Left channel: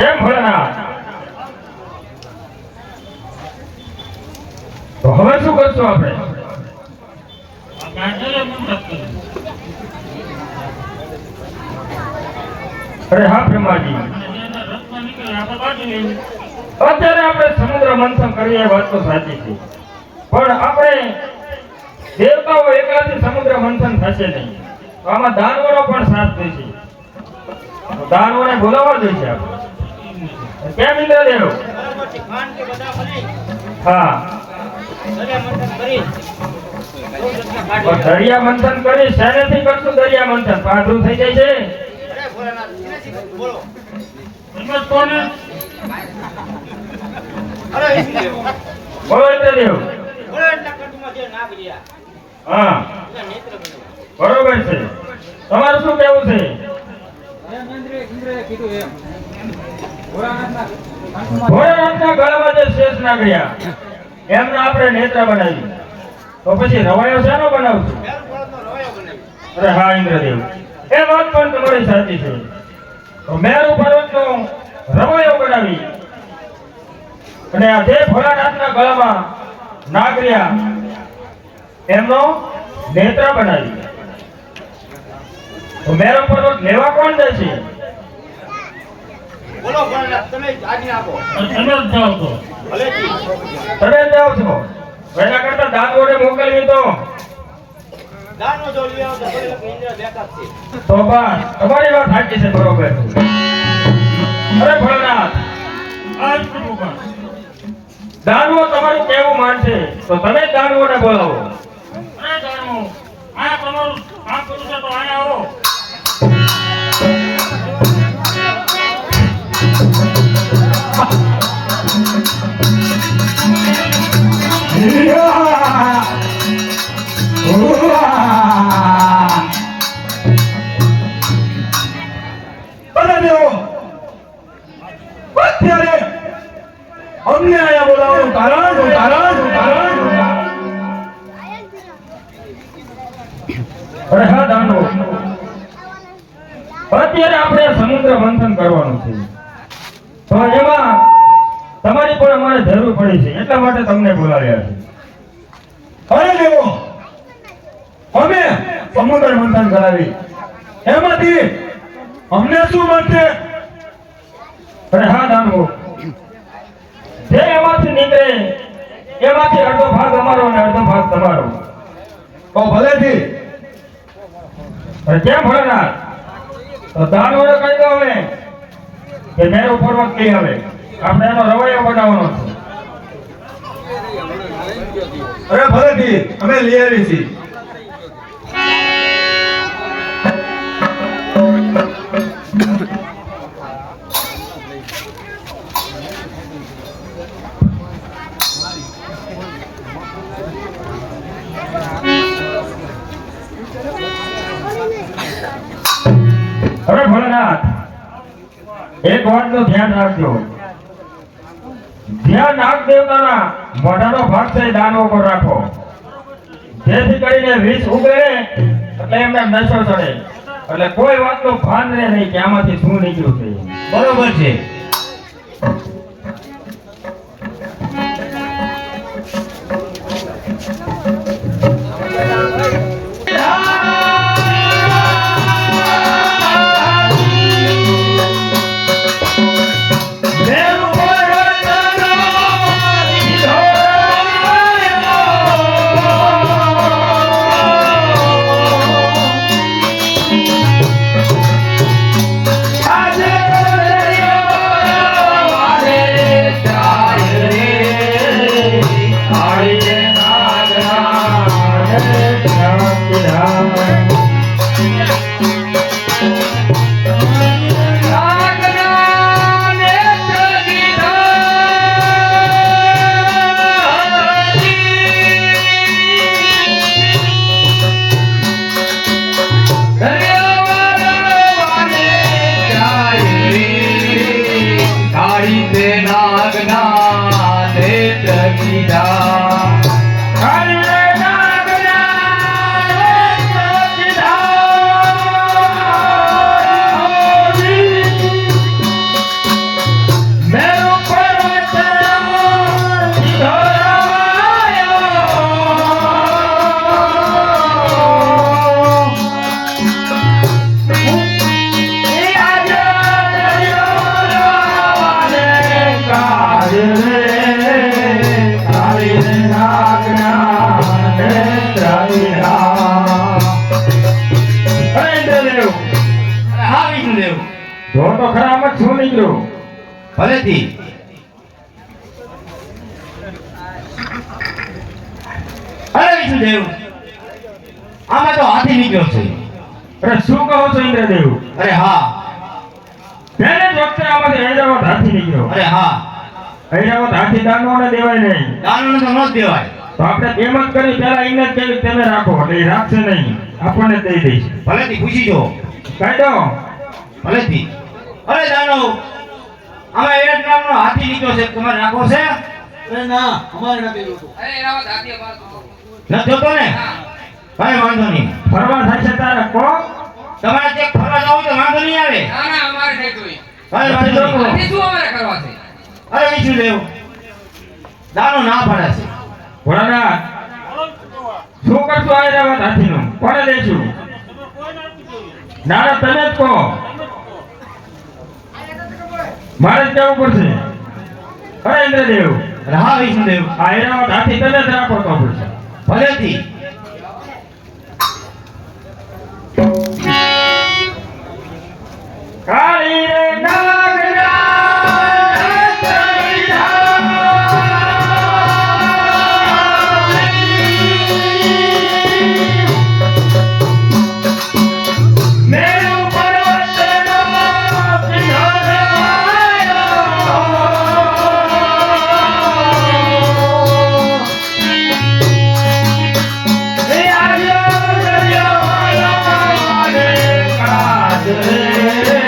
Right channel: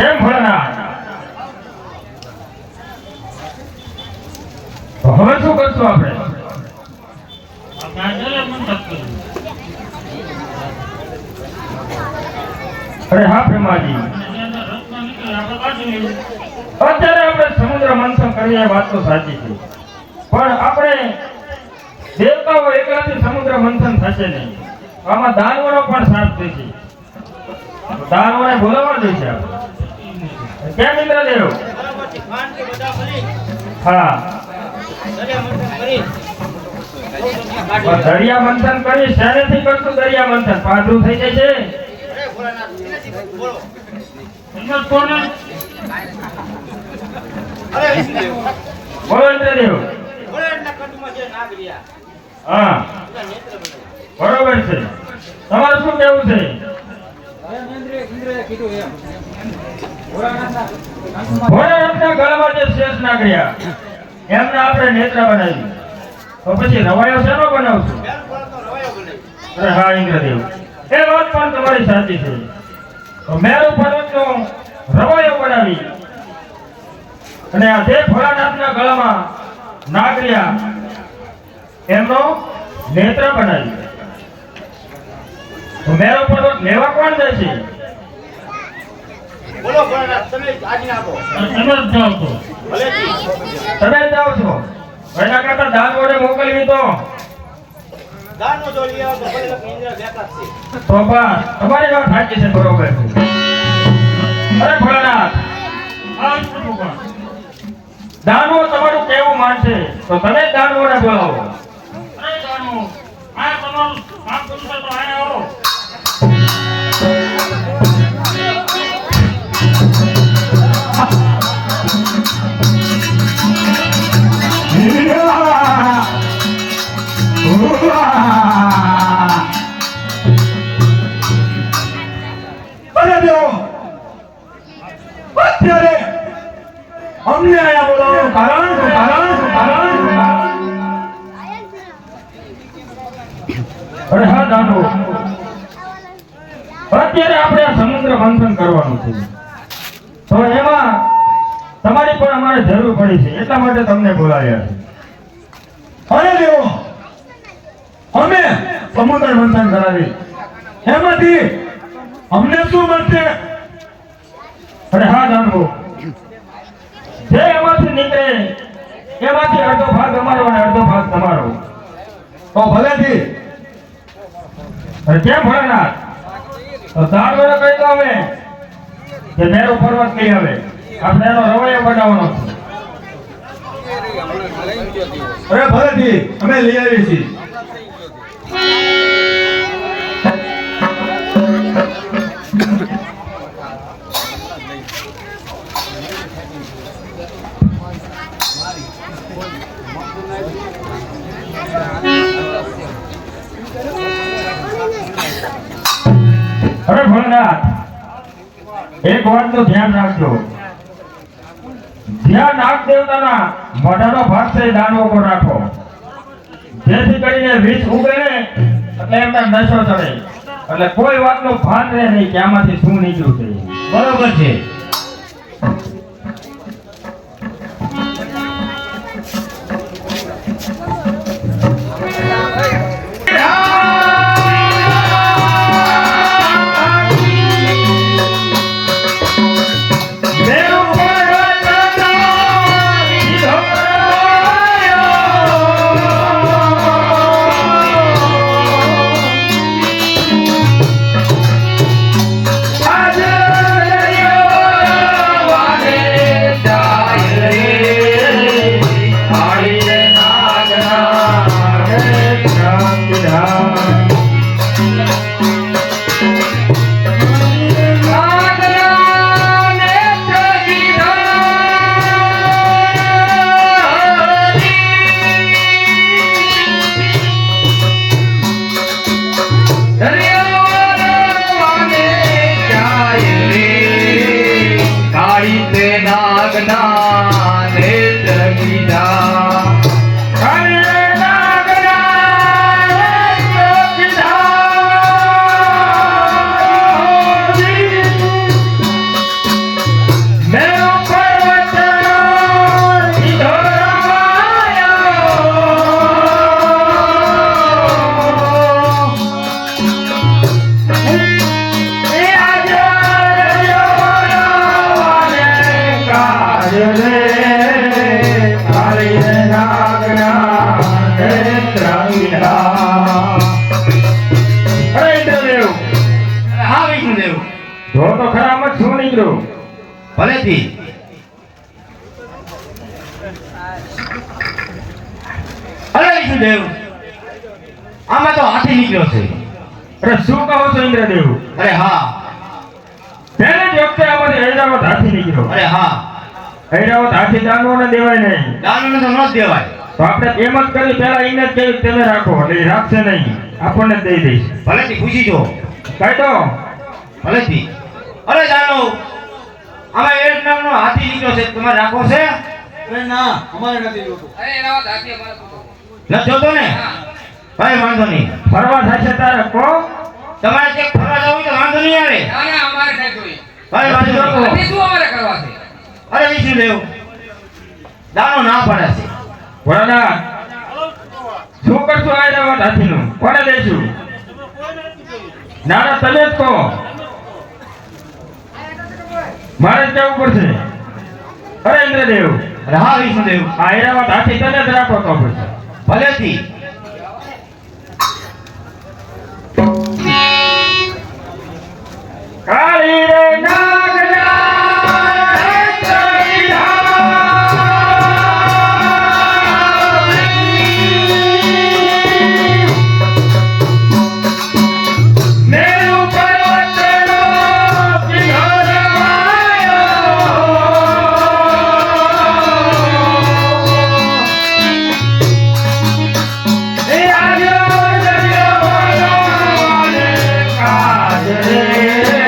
કેમ ભોળાનાથ હવે શું કરશું આપણે? અરે હા બ્રહ્માજી. અત્યારે આપણે સમુદ્ર મંથન કરીએ વાત તો સાચી છે. પણ આપણે દેવતાઓ એકલાથી સમુદ્ર મંથન થશે નહીં. આમાં દાનવરો પણ સાથ તો દાનવોને બોલાવવા જોઈશે આપણે. કેમ મિત્ર દેવ? હા. દરિયા મંથન કરી દરિયા મંથન કરી કરશું દરિયા મંથન? પાદરું થઈ જાય છે? બોલો નાગ રહ્યા હા. બરોબર છે. તમારું શું કેવું છે? ભોળાનાથના ગળામાં જે શેષ નાગરિયા એમને આપણે નેત્ર બનાવી. તો પછી રવાયો શેનો બનાવશું? અરે હા, ઇન્દ્રદેવ. એ વાત પણ તમારી સાચી છે. તો મેરુ પર્વતનો રવાયો બનાવી અને આ જે ભોળાનાથના ગળામાં નાગરિયા એમનો નેત્ર બનાવી. તો મેરુ પર્વત લેવા કોણ જાય છે? બોલો તમે આજ્ઞા આપો ભલેથી. તમે જાવ જાઓ છો. તો એના કરતા દાન વડે મોકલવી તો દાનો જો લ્યો આવો તો ભલે ઇન્દ્ર બેકાત છે. તો બસ તમારી વાત સાચી છે બરોબર. અરે ભોળાનાથ. દાનવો તમારું કેવું માનશે? તો તમે જ દાનવોને બોલાવો. અરે અત્યારે આપણે સમુદ્ર મંથન કરવાનું છે. તો એમાં તમારી પણ અમારે જરૂર પડી છે. એટલા માટે તમને બોલાવ્યા છે. અરે દેવો! અમે સમુદ્ર મંથન કરાવી. એમાંથી અમને શું મળશે? અરે હા, દાનવો. જે એમાંથી નીકળે, એમાંથી અડધો ભાગ અમારો અને અડધો ભાગ તમારો. તો ભલેથી. કેમ ભોળાનાથ? તો દાનવોને કહી દો હવે. કે મેરો પર્વત કઈ આવે. આપણે એનો રવળિયો બનાવવાનો છે. અરે ભલેથી અમે લઈ આવી છીએ. ભોળાનાથ એક વાતનું ધ્યાન રાખજો. ધ્યાન નાગ દેવતાના મોઢાનો ભાગ છે દાનો ઉપર રાખો. જેથી કરીને વિષ ઉગે એટલે એમના નશો ચડે. એટલે કોઈ વાતનું ભાન રહે નહીં કે આમાંથી શું નીકળ્યું છે. બરોબર છે. વિષ્ણુદેવ જો તો ખરા આમ શું નીકળ્યું ભલેથી. અરે વિષ્ણુદેવ આમાં તો હાથી નીકળ્યો છે. અરે શું કહો છો ઇન્દ્રદેવ? અરે હા. તેને જ વખતે આમાંથી ઐરાવત હાથી નીકળ્યો. અરે હા. ઐરાવત હાથી દાનવોને દેવાય નહીં. દાનવને તો ન દેવાય. તો આપણે એમ જ કરી પેલા એને જ કેવી તમે રાખો એટલે રાખશે નહીં. આપણને જ દઈ દઈશ. ભલેથી પૂછી જો. કાઢો ભલેથી અરે દાનવ આમાં એક નામનો હાથી નીકળ્યો છે. તમારે રાખવો છે? અરે ના અમારે નથી જોતો. અરે એના વાત હાથી અમારે નથી જોતો ને? ભાઈ વાંધો નહીં. ફરવા થશે તારે કો? તમારે જે ફરવા જવું તો વાંધો નહીં આવે. ના ના અમારે નહીં જોઈએ ભાઈ વાંધો નહીં. હાથી શું અમારે કરવા છે? અરે વિષ્ણુદેવ દાનો ના પાડે છે. ભોળાનાથ શું કરશું ઐરાવત હાથીનું? કોને દઈશું ના ના તમે જ કહો. મારે જ કહેવું પડશે. અરે ઇન્દ્રદેવ હા વિષ્ણુદેવ આ ઐરાવત આથી તમે જ રાખો પડશે. ભલેથી Yeah.